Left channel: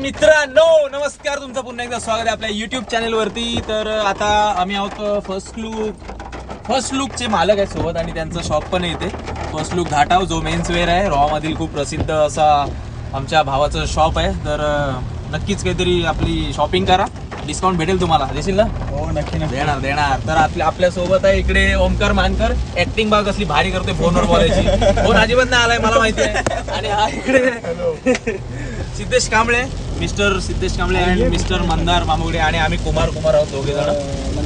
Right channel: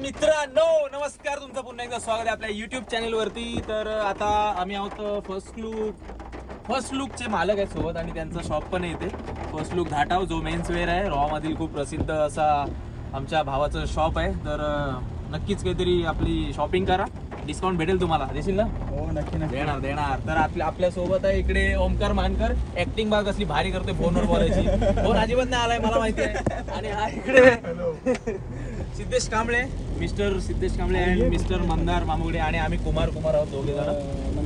मित्रांनो नमस्कार तुमचं पुन्हा एकदा स्वागत आहे आपल्या युट्यूब चॅनल वरती. तर आता आम्ही आहोत फर्स्ट लुक फर्स्ट लुकचे मालक आहेत सोबत आणि त्यांचं शॉप पण आहे इथे. फर्स्ट लुक घाटाव जो मेन्स वेअर आहे. रॉ मधील खूप प्रसिद्ध असा आमच्या भावाचं शॉप आहे. तर नक्कीच काहीतरी आपली शॉपिंग करा. डिस्काउंट भेटेल तुम्हाला. देशील ना? हो नक्की देणार देणार. तर आपल्या आपल्यासोबत आहे इकडे ओमकार मानकर. ऍक्टिंग बाग कसली भारी करतोय फोनवर बोलायची. फोन अजिबात नाही आलाय मला माहिती आहे. आणि हा इकडे सिद्धेश कांबळे. मिस्टर सिद्धेश कांबळे आणि मिस्टर मंदार मामुगडे आणि आम्ही कुमार कुमार आहोत दोघे जण.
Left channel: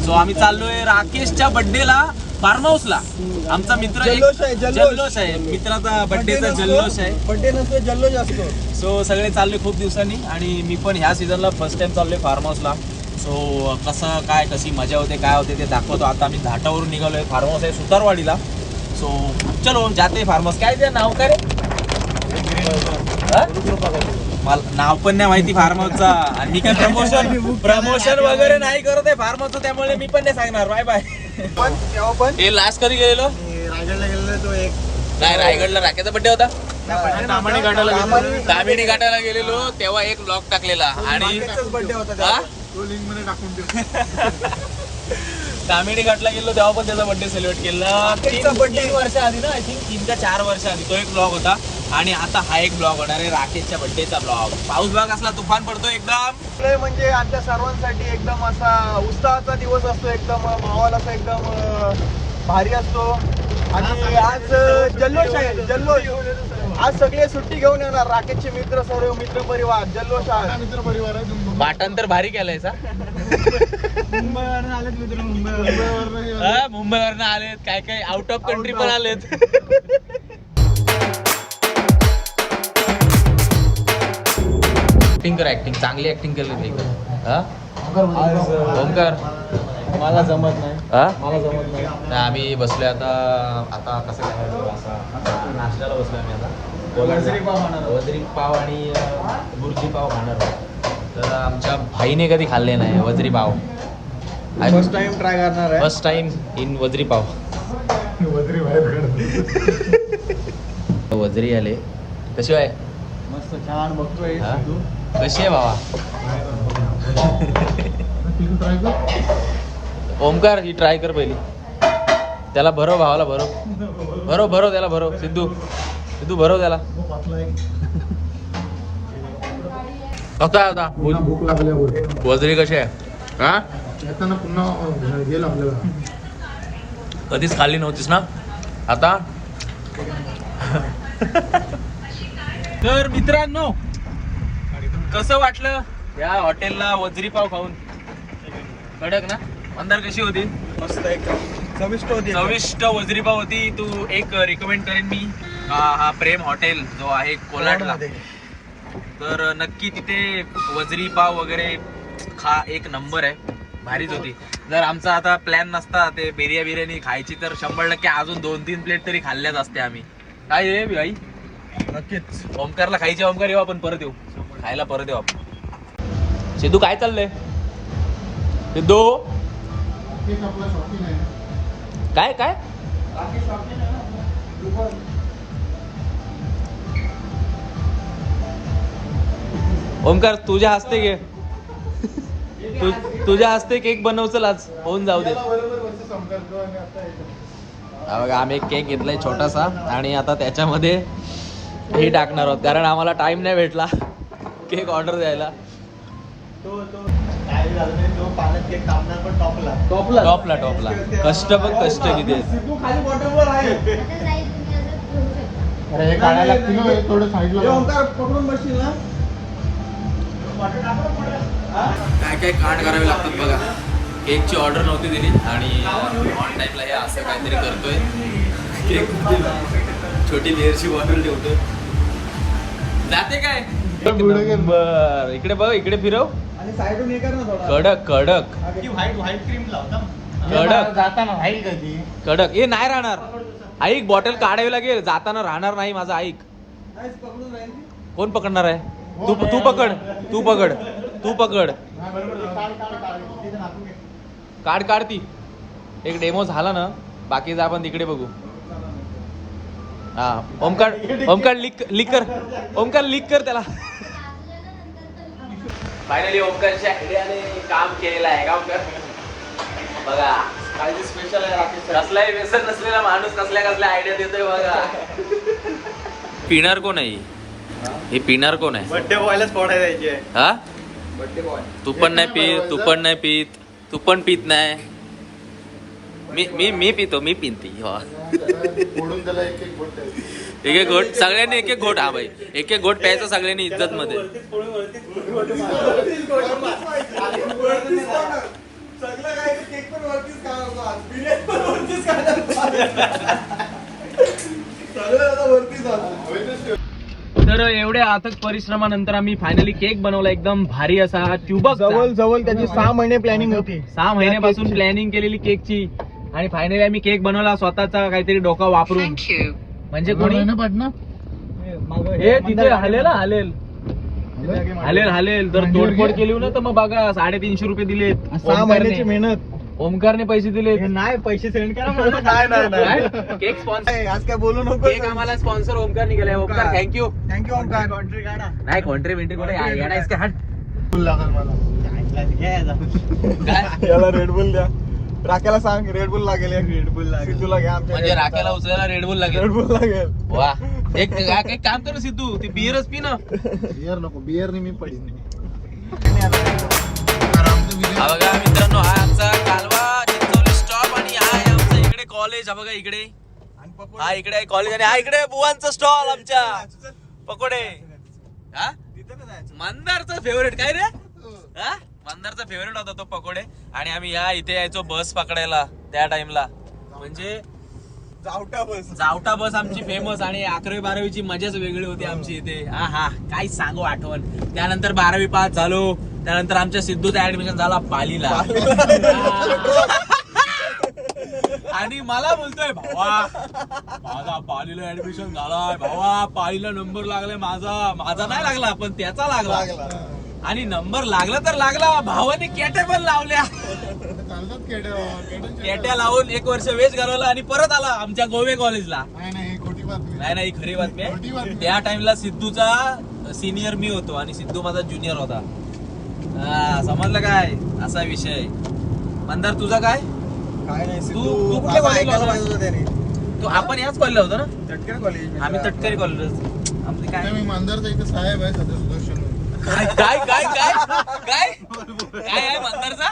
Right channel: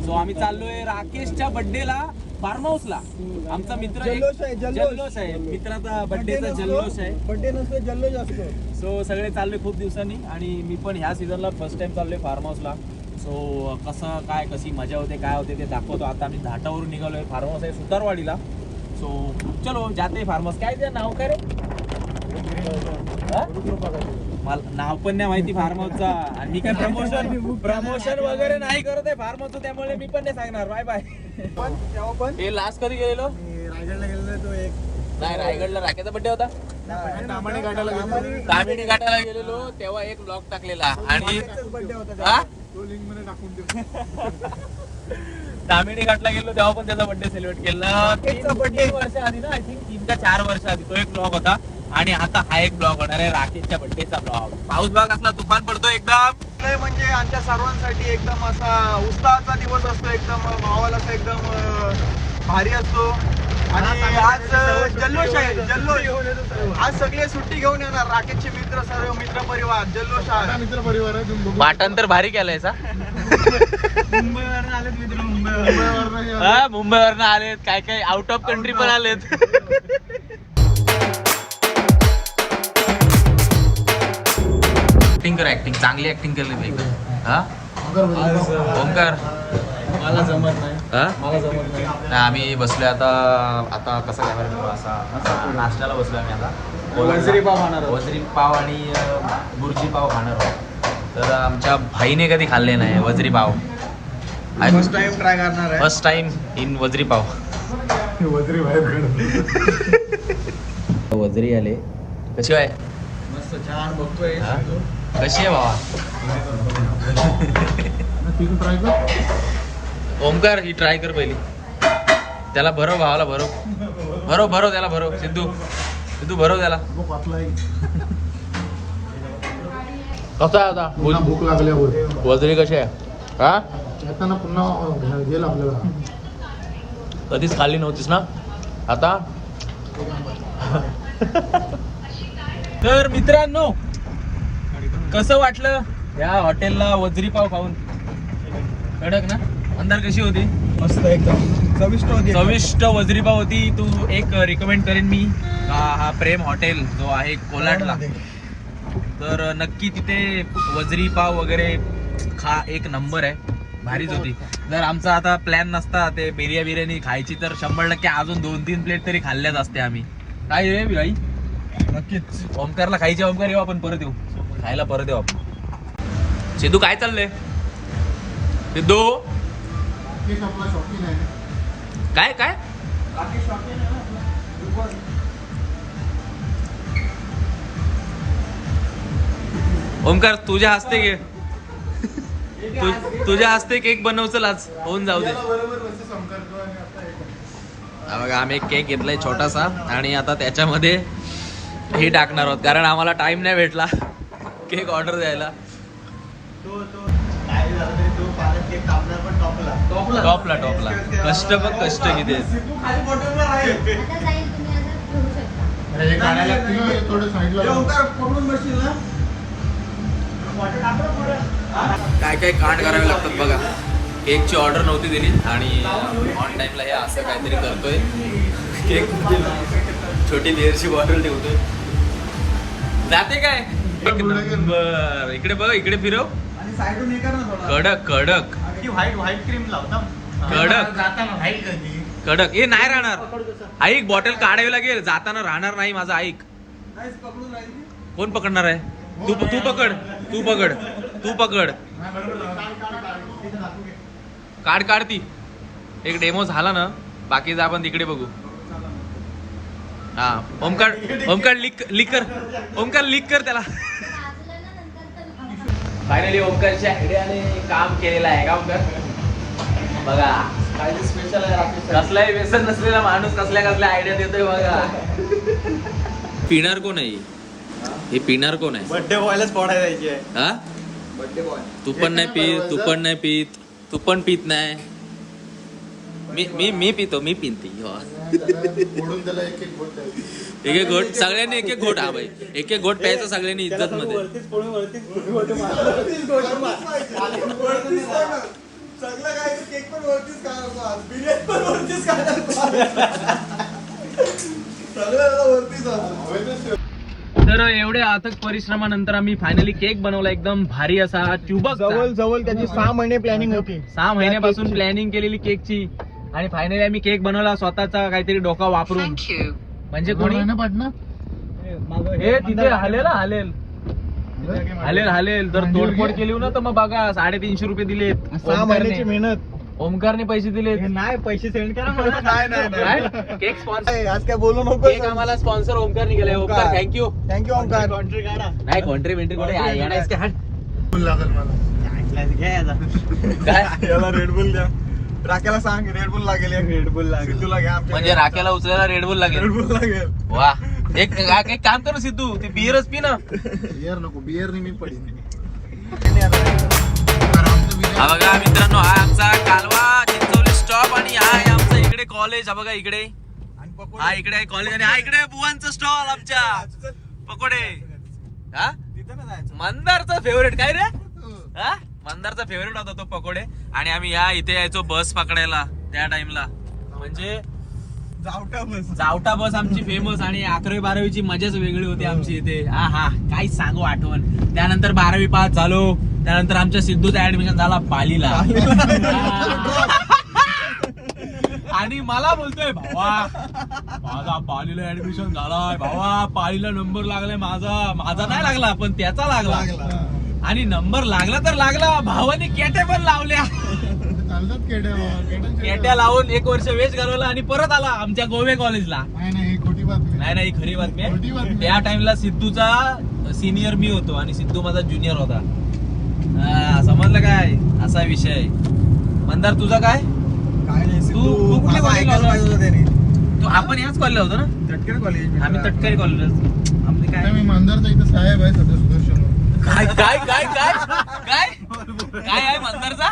सो आम्ही चाललोय राकेशच्या बर्थडेला फार्म हाऊसला आमचा मित्र एक- जल्लोष आहे, जल्लोष. जल्लोष आहे. मित्राचा बर्थडेचा जल्लोष आहे. बड्डे नसतो जल्लोष असतो. सो सगळे चाललोय खूप दिवसांनी आणि मी पण ह्या सीझनला फर्स्ट टाइम चाललोय फार्म हाऊसला सो कसं काय कशी मजा होते काय होते ते दाखवतो. आता आम्ही घाटावरून निघालोय. फार्म हाऊस आहे सुतारवाडीला. सो चलो जाते फार्म हाऊस काय ते नाव काय रे? हा? मला नाव पण नाही माहिती फार्म हाऊसचा आणि मी काय प्रमोशन प्रमोशन वगैरे नाही करत आहे फार्म हाऊसचं त्यामुळे मी पण नाही सांगणार. बाय बाय पण तेव्हा पण हे लास्ट कधी गेलेलो? रायगडला गेलेलो तो एक नाही रायगडला राख्याचा बड्डे होता. तामाणे घाटाला गेलेलो. घाटाला गेलेलो तेव्हा एक ब्लॉग टाकलेला. आणि होता हा? तो लिंकमध्ये टाकून ठेव. तामिणी घाटला गेलो तेव्हा पण त्याचा बर्थडे सेलिब्रेट केला. राकेशचा तीन- birthday. तीन वर्ष आधी ना आय थिंक तीन का चार वर्ष आधी. तो एक ब्लॉग होता. आणि आता हा एक ब्लॉग होणार आहे राकेशच्या बर्थडेचा ब्लॉग पाऊस ब्लॉग असला तुफान पडतो एकदम. लय म्हणजे आमच्या सर्वांसाठी एकदम असा उत्साहाचा दिवस असतो एकदम माहोल असा एकदम अं, भारी असतो. आणि आज जल्लोष आहे जल्लोष. आज सगळे सुट्टी घेऊन येणार राकेशचे मित्र सर्व मित्र परिवार जल्लोष आहे मित्र परिवार आहे पाटण तर भारी केलंय सा. मुंबईवरून आलेत मित्र मुंबईवरून. हा मुंबईवरनं आलेत काय काय आउट ऑफ कंट्री पण आलेत. ऍक्टिंग कर ऍक्टिंग चांगली ऍक्टिंग केली मी. एकदम हा ओमकार मला जमत नाही. हा? मला जमत नाही. नाही आम्ही बसलोय आता आता कसं करायचं असा असा नाश्त्याला बसलोय आम्ही आता. वजरी पाव खाणार. आहोत. वजरी पाव आणि अं, बुर्जी पाव खाणार आहोत. तर आमच्या भाईने कधी खाल्ले नाही वजरी पाव. फर्स्ट टाइम ट्राय करणार आहे. फर्स्ट टाइम इन वजरी पाव. वजरी बाहेर वजरी आले. कशी आहे? मस्त छान बघतोय हा? कशी आहे भावा ओमकार ही ट्राय कर पहिली. त्याला भरव भावाला भरव. भरव भरव त्याला भरव. सिद्धू. सिद्धू भरव त्याला. कसा होता. भूक लागल्यावर. वजरी कशी आहे? हा? पुन्हा गेलं आपल्याला कधीच खाल्ली नव्हतीस ना? आता? तर मित्रांनो कसं वाटलं? या हॉटेलला वजरी पाव खाऊन? कडक ना? अंदर कशी होती? मस्त एकदम. चविष्ट होती चविष्ट वजरी पाव होती. तू एक रिकमेंड करेन मी. हा हा प्रेम हॉटेल जो आहे कोलाडमध्ये. तर नक्की तिथे वजरी पाव वगैरे खा एक नंबर आहे. भारीच होती. जर आमचा आता प्लॅन नसता ते बिर्या बिर्याणी खायची तर शंभर टक्के अजून दोन तीन प्लेट तरी खाल्ल्याच असते आम्ही. काय रे भाई? नक्कीच. ओमकारला खायचे ओमकार येऊ आपण परत येऊ. खायला परत येऊ आपण. सिद्धू काय चाललंय? सिद्धू? नक्कीच आपला शॉपिंग आहे काय काय? ओमकार तुझ्या हस्ते घे तु, तुझ्या हस्ते केक बनव चल आज. होऊन जाऊ दे. बघा आम्ही एक केक घेतलाय छोटासा आणि आता त्याच्यामध्ये हे टाकणार आहोत. कारण आम्हाला टाइम नाही भेटला. केक ऑर्डर द्यायला. टॉपला. टॉपला? टॉपला टॉपला. कष्ट बघ कष्ट किती हे काय काय कांड करावे लागतात बघा. केकची ऑर्डर नव्हती दिली आणि ऑन टाइमला हे असं काहीतरी करतोय. केक छोटी बिअरची बॉटल ठेवतोय. जाते काय? एक नंबर इकडे बघ इकडे फिरव. आणि साईडून हे कर ना थोडा. कडक कडक. ती व्हाईट व्हाईट क्रीम लावता कडक. जाताना व्हाईट कधी कडक. हे नाही राहणार. ऐक बॉटल काढावी लागेल. जाताना राहणार नाही माझा ऐक पकडून राहील. कोण पकडणार आहे? तू तू पकड. तू पकड. तू पकड. काढ काढ ती. एक डेमो झाला ना बाकीचं आपण तिकडे बघू. हा ओमकार ओमकार लिक लिक कर. ओमकार लिक कर त्याला. फायनली ओमकारच्या हिड्याने काम केलेलं आहे का ओमकार? बघा. कसलाही व्यसन नसलेला माणूस कसल्या कसल्या आयडिया देतोय बघा. पिणार कोण आहे हे? पिणार कोण आहे? बर्थडे बॉयलाच जायची आहे हा? बर्थडे बॉय तू पण नाही पीत तू पण नाही पीत तू पण पीत नाही. मी मी मी पितो मी पिनती हो. त्याला एक एक. एक एक घोट सगळ्यांनी एक एक घोट हा भाई एक एक घोट प्यायचा सगळ्यांनी इज्जत मध्ये सगळं काय केक पण वरतीच खाणार आज बिर्याणी पण वरतीच खाणार सगळं आता वरतीच आज. तर एवढ्या अथक परिश्रमानंतर आम्ही फायनली केक बनवला. एकदम भारी असा ट्युबक जवळ जवळ त्याची सहा महिने प्लॅनिंग होती. सहा महिन्यापासून प्लॅनिंग केलेली केकची आणि फायनली आम्ही केक बनवला स्वतःचा काहीतरी डोका वापरून. म्हणजे कोणी? पाटणा? हे तिथे हलेल हा, हलेल. हलेल हलेल. जर तोडफोड केली ना तर मग बघा साडेतीनशे रुपये दिलेत. सहा महिन्याची ओमकारने मेहनत. ओमकारने पैसे दिलेत. हे नाही पैसे सेंड करा मला. नाही नाही. काय? केक स्पॉन्सर आज काय बोलू नको केक आम्हाला स्पॉन्सर ओमकारने केलाय Omkar. Thank you thank you Omkar. Country काढा. नाही कॉन्ट्री बिंट्री कुठे? आहे? येणार आहेस का? हट. फुल लागेल मला. काय? याला रेडबुल द्या. राख्याला सांग रेडबुल लागेल एक रेडबुल लागेल तुला घ्या आमच्या म्हणजे राख्याला उचलायला रेडबुल लागेल रेडबुल लागेल वा. एक एक एक काम कर ना सिद्धू ती बिअरच पी ना. बियर नको बियर मी पडीन. हा बघा मित्रांनो हा आमचा कालवा चिंचोली स्टॉप आणि हा आहे आमचा इकडे कॉलेज हा बघा इकडे. हा इकडे आहे कॉलेज आणि हा इकडे बुवांचा स्टॉल आमच्या. पकोडे. हा? मंदारचा फेवरेट काय रे? हा? मंदारचा फेवरेट होता तो पकोडे. आणि आम्ही ह्या इथे यायचो बस पकडायला त्या टाइमला म्हणजे जावटा बस जावटा बस आमची फेमस आणि अकरावी बारावीची मजाच वेगळी होती आमची इथे. हा हा काय सांगू आठवण. त्यानंतर बारावी पास झालो. त्यानंतर आमच्या सिद्धूचा ऍडमिशन झाला पालीला. आणि मला बोलतोय भावा माझा पालीला ऍडमिशन झालाय. भावा पालीला नंबर लागलाय माझा. माझा नाही लागला पण त्याचा लागला. आणि नंबर लागला तर लागला. भावाने केटे पण लावल्या. केड्यांचे- केट्या लावून एक वर्ष वेच घालवला आणि परत आला आमच्या गोवे कॉलेजला. नाही नाही ही खरी बातमी आहे. त्या टाइमला सिद्धूचा सिनियर मी होतो आणि सिद्धू माझा ज्युनियर होता. हा, समजलं काय? असा विषय. मंदार तुझा काय? तू- तू आपण याच कॉलेजला होतो ना? तटकरे कॉलेज आम्ही तटकरी कॉलेज आपली काय? आता मी मांजरचा इथं साहेब आहे काय काय काय आहे मंदारचा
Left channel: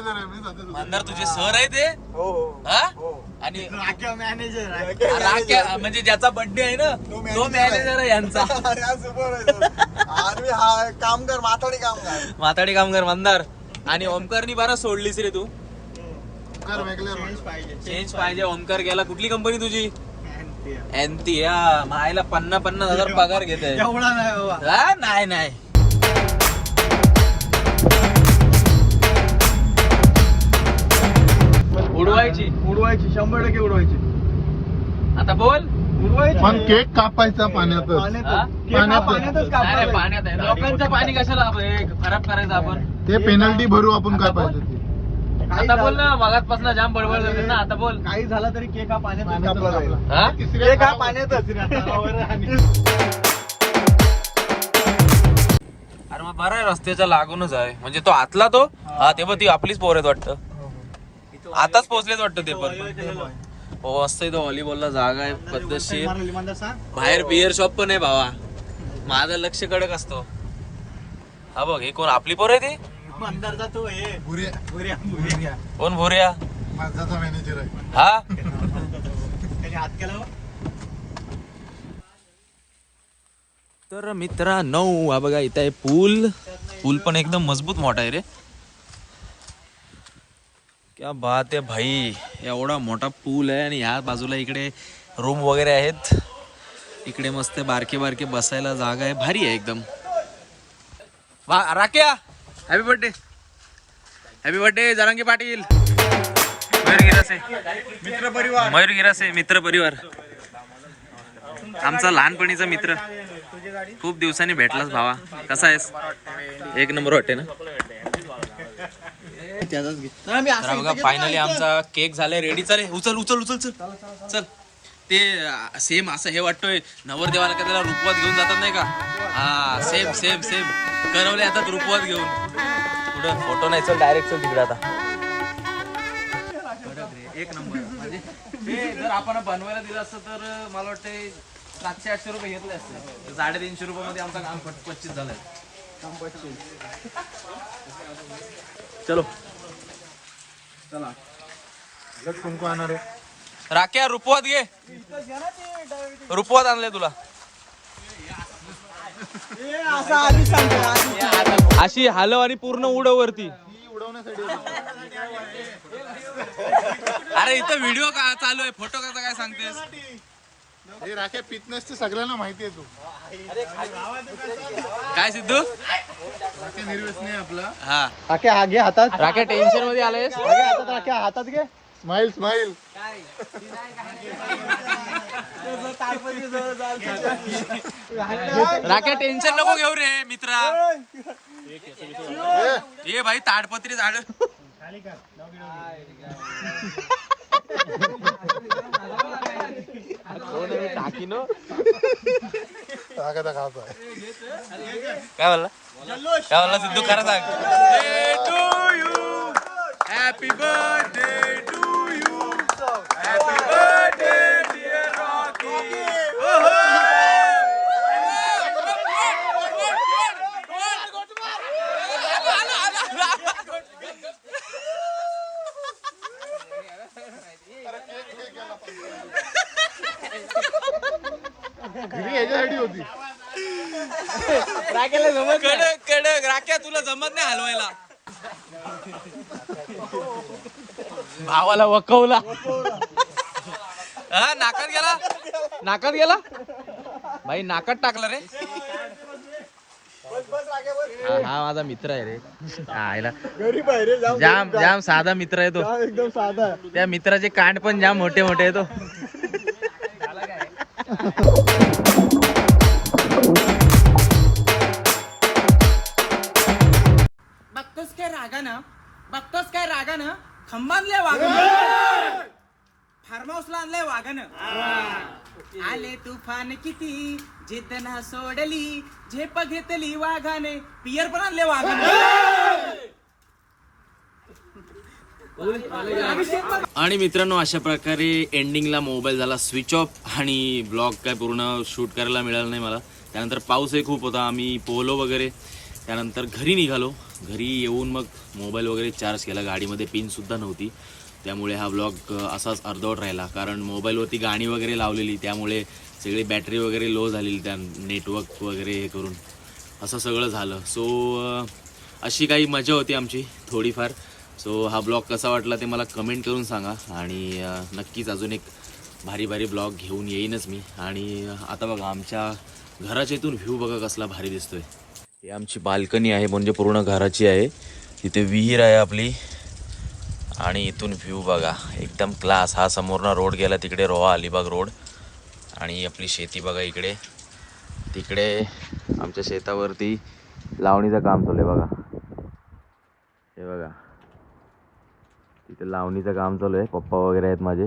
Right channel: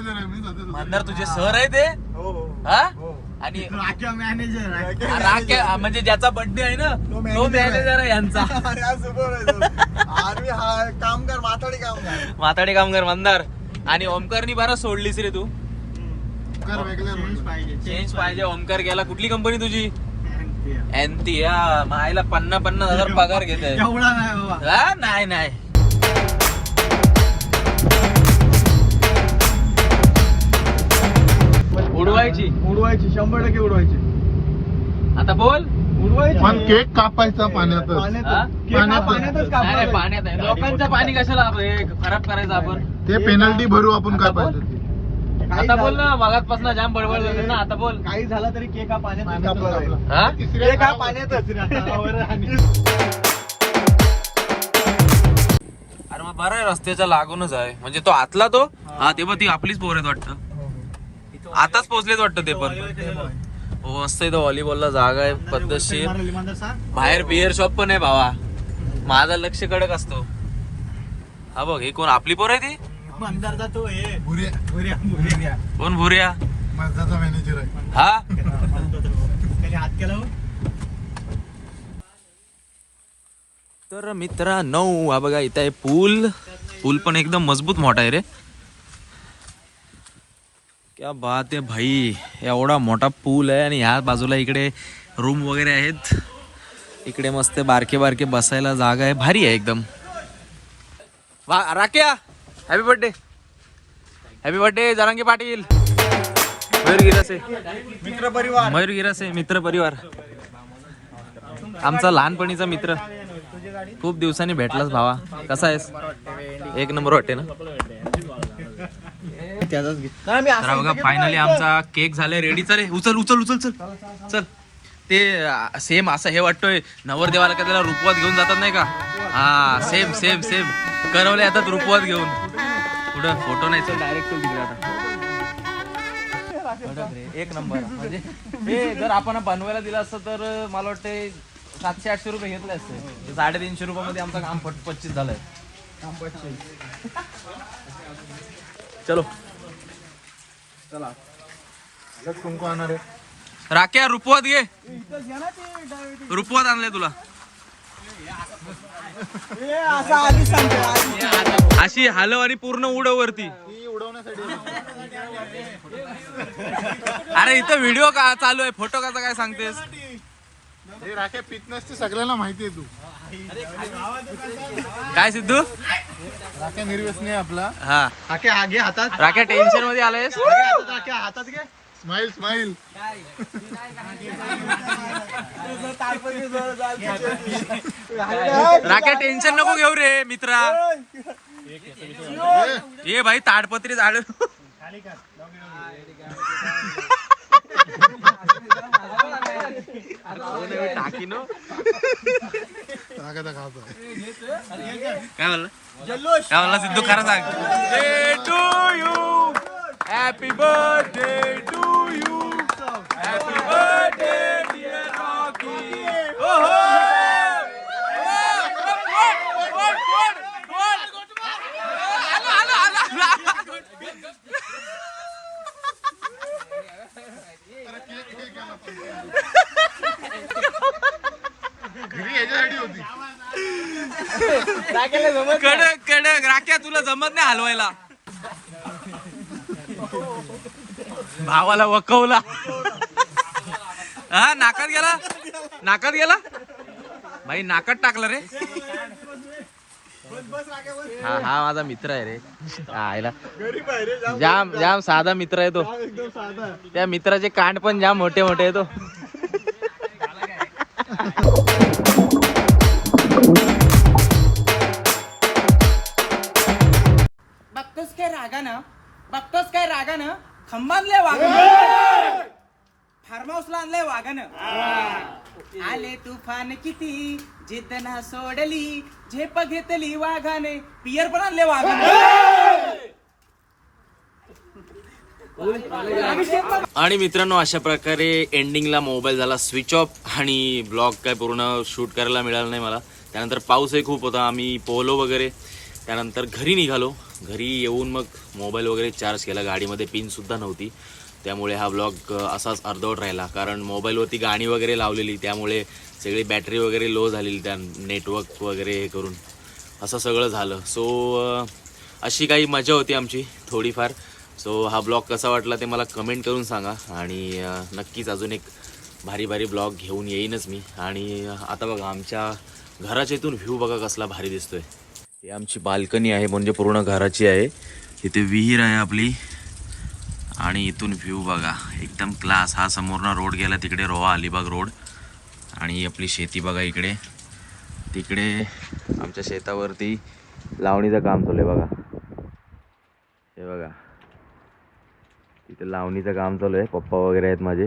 मांजरचा सुपरवायझर आहे मी सध्या मंदार तुझे सर आहे ते? हो हो. हा? हो. आणि राख्या मॅनेजर राख्या- म्हणजे ज्याचा बर्थडे आहे ना तो तो manager आहे. मॅनेजर आहे यांचा. हा कामगार माताडी कामगार. माताडे कामगार मंदार आणि ओमकारनी बरं सोडलीस रे तू. कर वेगळे पाहिजे चेंज पाहिजे. ओमकार गेला. कुठली कंपनी तुझी? एनती हा मायला पन्नास पन्नास हजार पगार घेते एवढा नाही बाबा. हा? नाही नाही. उडवायची. उडवायची शंभर टक्के उडवायची. आता बोल. उडवायची. पण केक कापायचा हा? कापायचा. पाण्यात आहे. लोकांचं पाणी कशाला आपण हे खराब करायचं आपण? ते पेनल्टी भरू आपण काय पाहिजे ते. आता बोल झालं- ना मगातपासून जाम बडबड होते ना आता बोल. काही झालं तरी केक हा पाण्यातच कापला जाईल. हा? तिसऱ्या केक हा पाण्यातच. अरे मग बरं आहे रस्त्याच्या लागूनच आहे. म्हणजे तो आतला तो? हा ते पण ती आपलीच पोर आहेत वाटतं. आताच पोहोचलेच वाटतं ते पण. हो. मस्त इथं व्हॉलीबॉलला जागा आहे पद्धतशीर. बाहेर बिअर शॉप पण आहे भावा. माझा लक्ष कडक असतो. हा बघ ही कोण आपली पोर आहे ती? हे. कोण भुऱ्या मांजरचा मॅनेजर आहे. हा? त्याने हात केला हो. तर मित्रांनो हा बघा इथं आहे पूल. पूल पण एकदम मजबूत मोठा आहे रे. क्या बात आहे भाई एवढा मोठा पूल आहे आणि ह्या बाजूला इकडे रूम वगैरे आहेत. इकडे मस्त बारके बारके बसायला जागा आहे. भारी आहे एकदम. राख्या happy birthday happy birthday Jarangi Patil. Mayur Girase Mayur Girase मित्र परिवार. आमचा लहानपणीचा मित्र. खूप दिवसांनी भेटलास भावा. कसा आहेस? एक नंबर वाटते ना? तर हा बघा फायनली आमचा केक झालाय रेडी चालेल उचल उचल उचल चल. चल. ते सेम असं हे वाटतोय. नवरदेवाला का त्याला रुपवात घेऊन जातात नाही का? हा सेम सेम सेम करवले आता रुपवात घेऊन. पुढं फोटो नाही डायरेक्ट तिकडे आता. एक नंबर. म्हणजे हे जर आपण बनवायला दिलं असतं तर मला वाटतं सातशे आठशे रुपये घेतले असते. साडेतीनशे रुपयामध्ये आमचं काम पट पच्चीस झालंय. चलो. चला. राख्या रुपवात घे. रुपवात आणले तुला. अशी हलव आणि पूर्ण उडव वरती अरे इथं व्हिडिओ का चालू आहे? फोटो कसा काय सांगतेस? सगळ्यांना माहिती आहे तू. काय सिद्धू? राख्या निर्व्यसनी आहे आपला. हा. हा घे हातात. राख्या टेन्शनमध्ये आलायस? घे हातात घे. स्माइल स्माइल राख्या टेन्शन नको घेऊ रे मित्रा. ये भाई ताडपत्री झाड राखा खाता काय म्हणला काय म्हणला सिद्धू खरं सांग. Day to you happy birthday to you happy birthday dear Rocky घरी याच्यासाठी होती. कडक कडक. राख्या तुला जमत नाही हलवायला. भावाला वकवला. हा नाकात गेला? नाकात गेला? भाई नाकात टाकला रे. हा हा माझा मित्र आहे रे. हा, आयला जाम जाम साधा मित्र आहे तो. एकदम साधा. त्या मित्राचे कांड पण जाम मोठे मोठे आहे तो. बघतोस काय रागानं? बघतोस काय रागानं? खंबानले वागानं. फार्म हाऊसला आणलंय वागानं आले तुफान किती? जिद्द ना सोडली. झेप घेतली वाघाने. पियर पण आणले वाघाने. आणि मित्रांनो अशा प्रकारे एंडिंगला मोबाईल झाला स्विच ऑफ आणि ब्लॉग काय पूर्ण शूट करायला मिळालं नाही मला. त्यानंतर पाऊसही खूप होता आम्ही पोहलो वगैरे. त्यानंतर घरी निघालो. घरी येऊन मग मोबाईल वगैरे चार्ज केला. गाडीमध्ये पिनसुद्धा नव्हती. त्यामुळे हा ब्लॉग असाच अर्धवट राहिला. कारण मोबाईलवरती गाणी वगैरे लावलेली त्यामुळे सगळी बॅटरी वगैरे लो झालेली त्या नेटवर्क वगैरे हे करून. असं सगळं झालं. सो अशी काही मजा होती आमची थोडीफार. सो हा ब्लॉग कसा वाटला ते मला कमेंट करून सांगा. आणि नक्कीच अजून एक भारी भारी ब्लॉग घेऊन येईनच मी. आणि आता बघा आमच्या घराच्या इथून व्ह्यू बघा कसला भारी दिसतोय. हे आमची बाल्कनी आहे म्हणजे पूर्ण घराची आहे. तिथे विहीर आहे आपली. आणि इथून व्ह्यू बघा एकदम क्लास हा समोरनं रोड गेला तिकडे रोहा अलिबाग रोड आणि आपली शेती बघा इकडे. तिकडे आमच्या शेतावरती लावणीचं काम चालू आहे बघा. हे बघा. तिथे लावणीचं काम चालू आहे. पप्पा वगैरे आहेत माझे.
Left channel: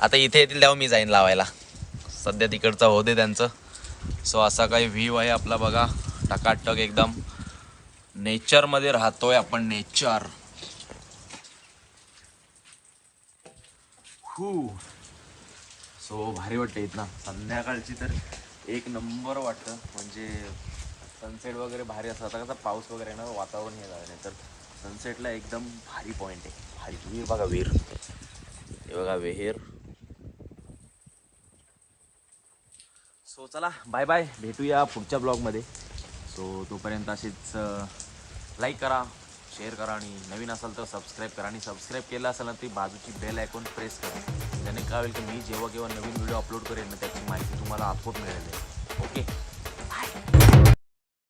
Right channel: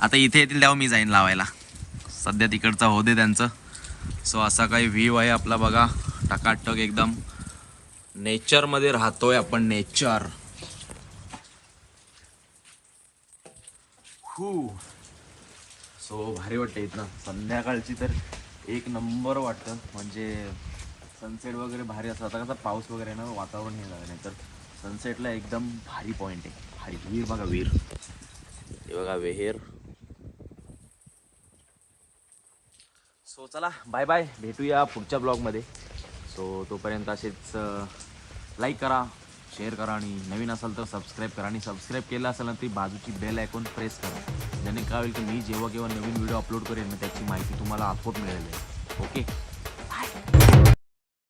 आता इथे येतील तेव्हा मी जाईन लावायला. सध्या तिकडचा हो दे त्यांचं. सो असा काही व्ह्यू आहे आपला बघा. टकाटक एकदम. नेचरमध्ये राहतोय आपण नेचर हू सो भारी वाटते इथनं. संध्याकाळची तर एक नंबर वाटतं. म्हणजे सनसेट वगैरे भारी असतं. आता कसं पाऊस वगैरे ना वातावरण हे झालं नाही. तर सनसेटला एकदम भारी पॉईंट आहे. भारी. वीर बघा वीर. हे बघा विहीर. सो चला बाय बाय भेटूया पुढच्या ब्लॉगमध्ये सो तोपर्यंत असेच लाईक करा शेअर करा आणि नवीन असाल तर सबस्क्राईब करा. आणि सबस्क्राईब केलं असेल ना ती बाजूची बेल ऐकून प्रेस करा. ज्याने काय होईल की मी जेव्हा केव्हा नवीन व्हिडिओ अपलोड करेन ना त्याची माहिती तुम्हाला आपोआप मिळेल. ओके